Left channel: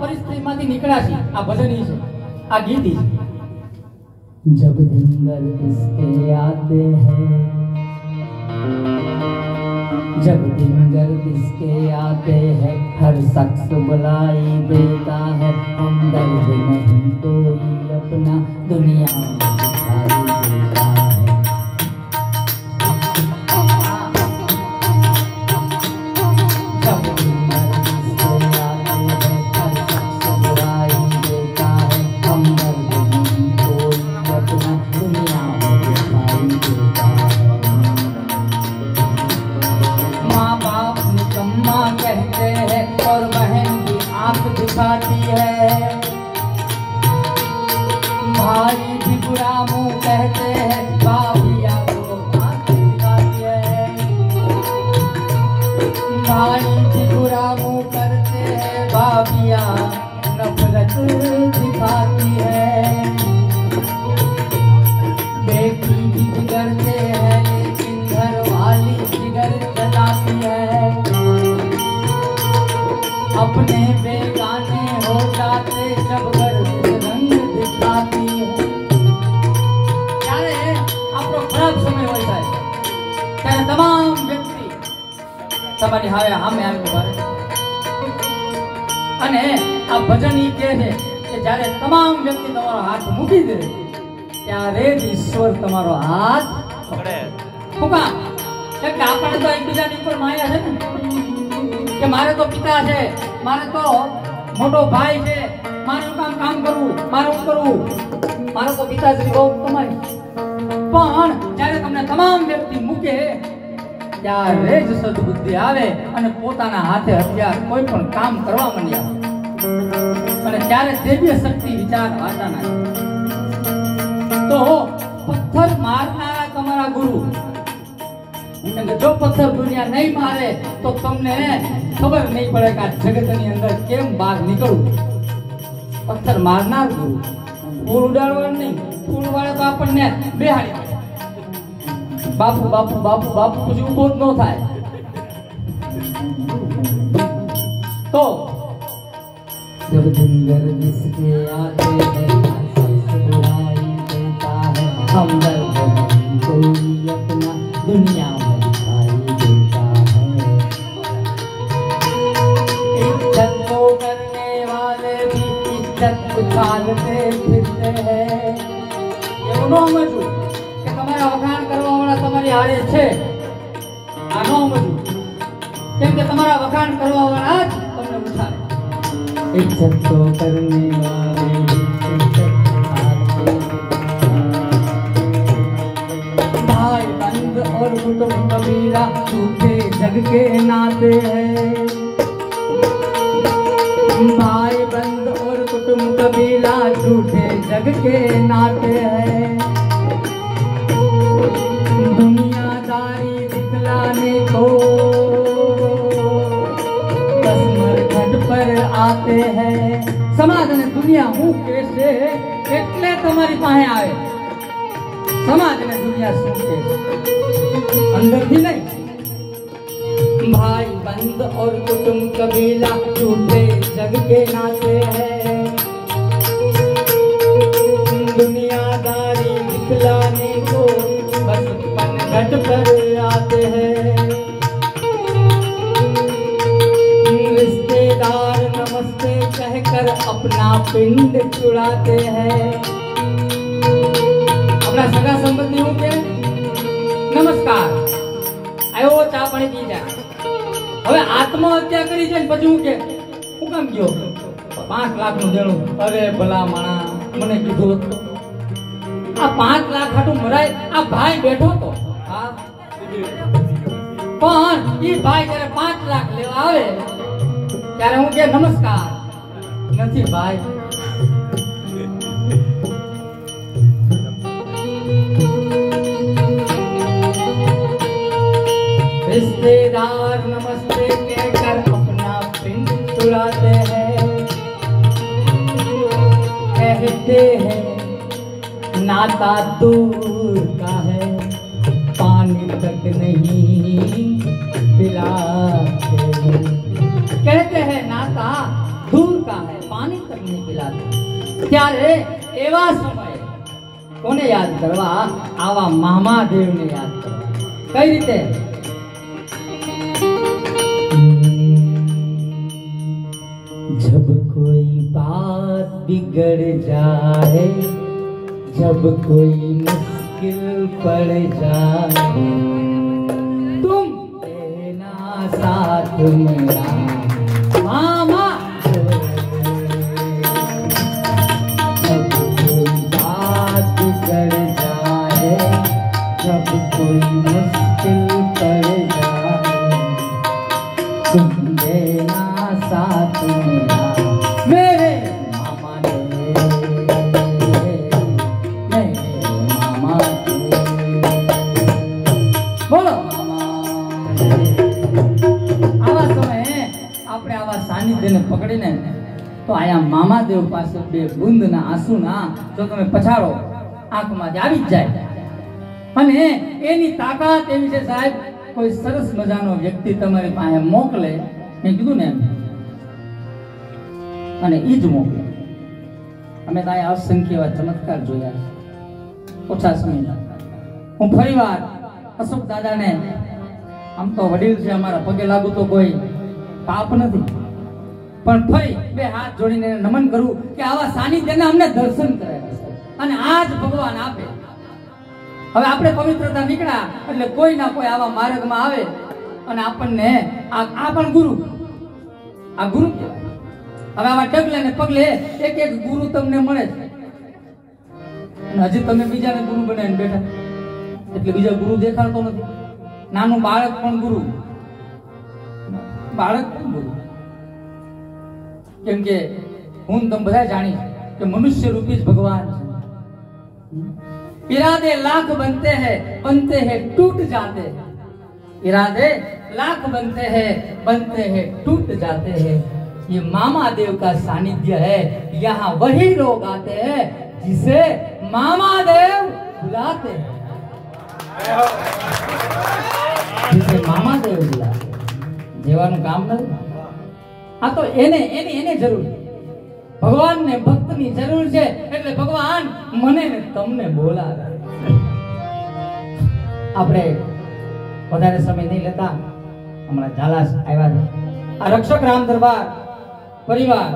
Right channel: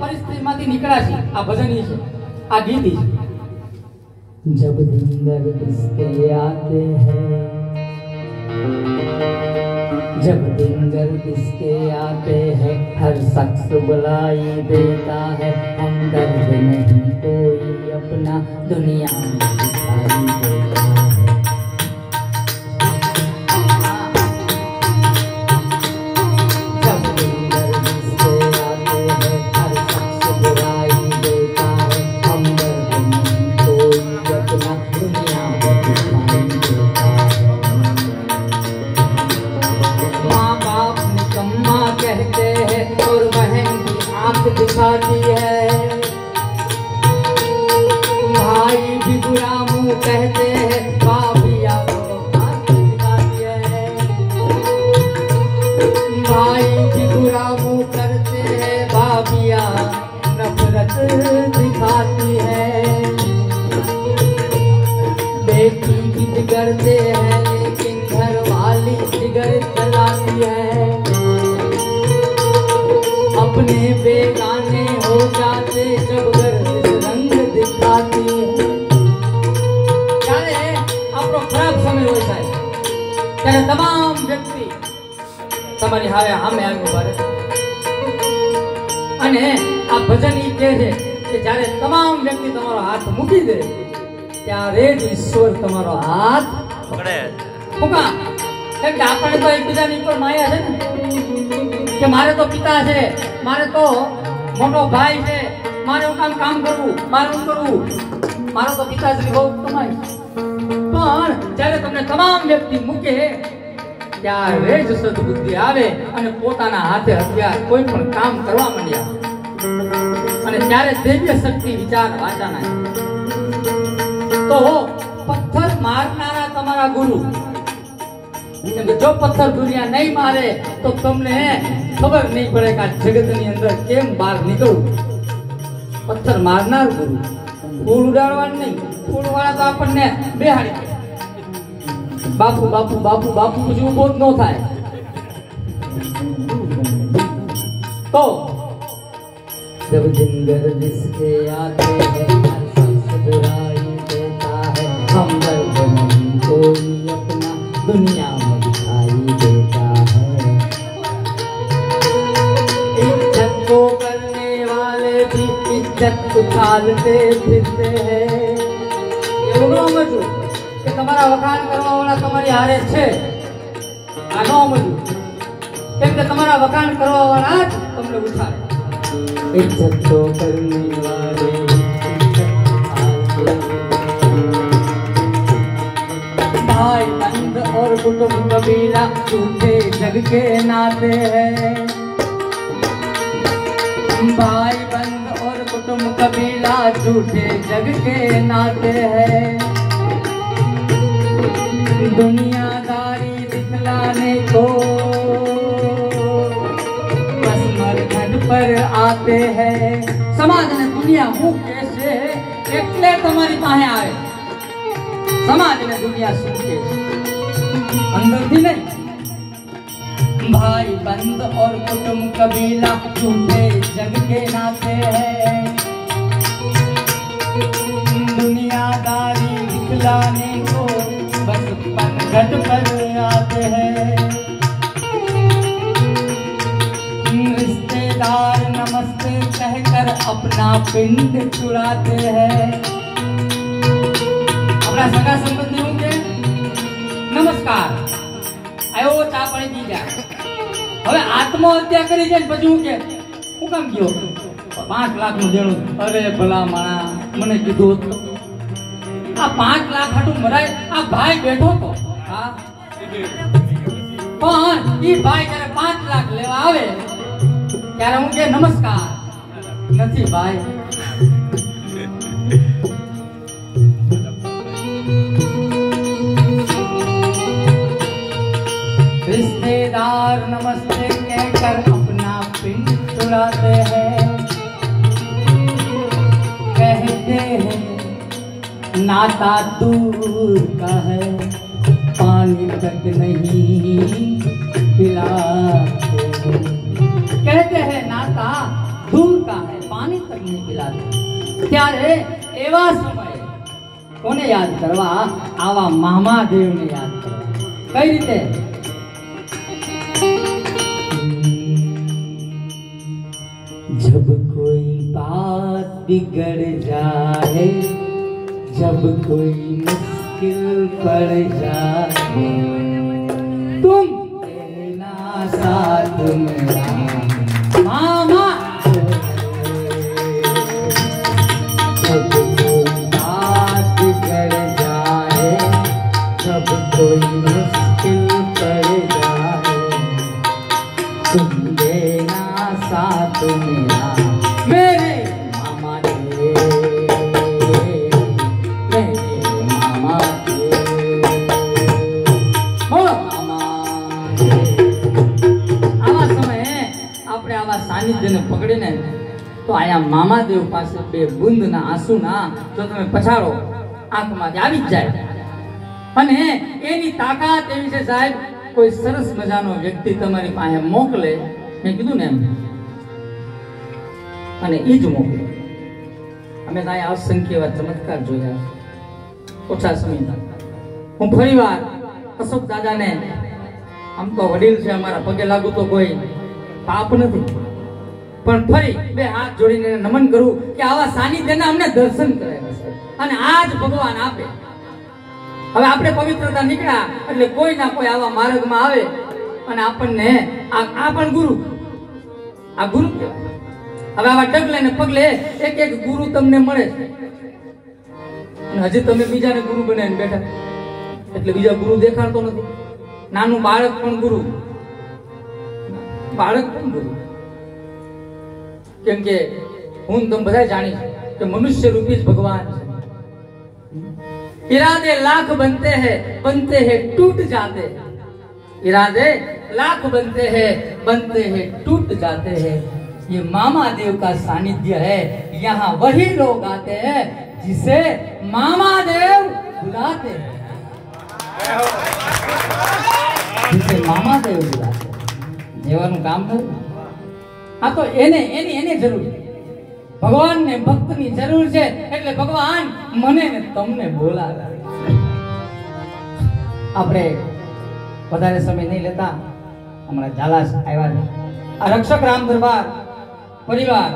परिस्थितिમાંથી નીકળ્યા છીએ આ ભજન છે આ ગીત છે जब दिन गर्द इसके आते हैं जब दिन गर्द इसके आते हैं हर शख्स बुलाई देता है हम दर्द नहीं कोई अपना दुनिया में दिखाई देता है दिखाती है भाई भी बुरा मुंह कहते हैं भाभिया दिखाती है भाई भी बुरा मुंह करते हैं भाभिया नफरत दिखाती है बेटी भी बिगड़ते हैं लेकिन घर वाली बिगड़ चलाती है अपने बेगाने हो जाते जब गर्द रंग दिखाती है ત્યારે આપણો ખરાબ સમય હોય છે ત્યારે તમામ વ્યક્તિ તમારી હારે સામે આવી ઉભા રહે અને આ ભજન ઈ કહે છે કે જ્યારે તમામ વ્યક્તિ તમારો હાથ મૂકી દે ત્યારે જ ઈશ્વર તમારો હાથ પકડે મૂકા એટલે આપણે તો એકબીજાની ઉપર માયા છે ને કે મારે તો પિતા છે મારે તો મોટો ભાઈ છે મારે કામ કરવું મારે કરવું મારો તો પિતાશ્રી બહુ કમાય પણ જ્યારે તમને તમામ વ્યક્તિ મૂકે ત્યારે જ સદબુદ્ધિ આવે અને પોતાના હાથે હથિયાર કોઈ પણ કામ કરવા માંડ્યા અને ત્યારે દિવ્ય શક્તિ વિચાર વાંચાના તો પથ્થર મારનારા તમારા ગુરુ जो पत्थर दुनिया नहीं मारे तो तुमने खबर नहीं पड़ेगा जगत ની અંદર કેમ બહાર નીકળવું પથ્થર મારનાર ગુરુ ફૂલ ઉડાડવાનું નહીં ફૂલ વાળા તો આપણને બેહાડી બાપુ બાપુ બાપુ બાપુ પછી ઉભો જ ન થાય તો जब दिन गर्द इसके आते हैं बुराई देता है हम दर्द नहीं कोई अपना दुनिया में दिखाई देता है इज्जत को करने वाले भी इज्जत उछालते फिरते हैं એવું ન સમજવું કે તમારા વખાણ કરવા વાળા તમારી હારે છે આ ન સમજવું કેમ કે તમારા વખાણ કરવા વાળા જ તમને ઉછાળે इज्जत को करने वाले भाई बंद और कुटुंब कबीला झूठे जग के नाते हैं भाई बंद और कुटुंब कबीला झूठे जग के नाते हैं दुनियादारी दिखलाने को बस मरघट पर आते हैं समाज ने दुनिया मुख कैसे એટલે તમારી પાસે આવે समाज ने दुनिया सुनते अंदर भी नहीं भाई बंद और कुटुंब कबीला झूठे जग के नाते हैं दुनियादारी दिखलाने को बस पनघट पर आते हैं रिश्तेदार नमस्ते कहकर अपना पिंड चुराते हैं अपना सगा संबंधी हूँ के नमस्कार आयो चा पानी पी जा હવે આત્મહત્યા કરી છે પછી હું કે હું કામ ગયો 5 લાખ નું દેણું અરે ભલા માણા મને કીધું આ 5 લાખ હાટું મરાય આ ભાઈ બેઠો તો હા પણ ઈ ભાઈ જ્યારે 5 લાખ લેવા આવે ત્યારે હું કે નમસ્કાર નથી ભાઈ रिश्तेदार नमस्ते कहकर अपना पिंड चुराते हैं कहते हैं नाता दूर का है पानी तक नहीं पिलाते कहते हैं नाता दूर का है, पानी तक नहीं पिलाते। त्यारे एवा समये कोने याद करवा? आवा महादेव ने याद करवा। कई रीते? जब कोई बात बिगड़ जाए, जब कोई मुश्किल पड़ जाए, तुम देना साथ मेरा मामा। जब कोई बात बिगड़ जाए, जब कोई मुश्किल पड़ जाए, तुम देना साथ मेरा मेरे मामा ने, मेरे मामा के, बोलो। मामा આવા સમયે આપણે આવા સાનિધ્યને પકડીને તો આયા મામાદેવ પાસે બે બુંદના આંસુના જો તમે પછાડો આંખમાંથી આવી જ જાય અને એની તાકાત એવી છે સાહેબ, કોઈ સરસ મજાનો વ્યક્તિ તમારી પાસે મોકલે, મેં કીધું ને એમ, અને ઈ જ મોકલે. અમે તો અહીંયા અસંખ્ય એવા ચમત્કાર જોયા છે ઓછા સમયમાં. હું ફરીવાર અશોક દાદાને, આમ તો વડીલ છે અમારા, પગે લાગુ તો કોઈ પાપ નથી, પણ ફરી બે હાથ જોડીને નમન કરું કે આવા સાનિધ્યના અમને દર્શન કરાવ્યા છે અને આજ ભગવાન આપે. હવે આપણે પવિત્રતા નીકળ્યા એટલે કોઈ ના કોઈ આવા માર્ગમાં આવે અને આપણને આ પણ ગુરુ, આ ગુરુ કહેવાય. હવે આવા ડગલે ને પગલે એક એક ગુરુ તમને મળે છે અને હજી તમે બીજાને ગુરુ બનાવીને બેઠા, એટલે બીજા ગુરુ દેખાડતો નથી. નાનું બાળક પણ ગુરુ, બાળક પણ ગુરુ. કેમ કે હું તમે બધા જાણી કે મનુષ્ય રૂપી જ ભગવાન છે. इरादे लाख बनते हैं टूट जाते हैं, इरादे लाख बनते हैं टूट जाते हैं. ये मामा देव का सानिध्य है, यहाँ वही लोग आते हैं जिसे मामा देव बुलाते हैं, जिसे मामा देव बुलाते हैं. જેવાનું કામ કર્યું આ તો એને જરૂર છે. ભગવાનને ભક્તની જરૂર છે એટલે ભગવાન મને ને તમને બોલાવે. આપણે વધારે સમય નહીં લેતા, હમણાં ઝાલા આવ્યા છે. આ રક્ષક રામ દરબાર પરિવાર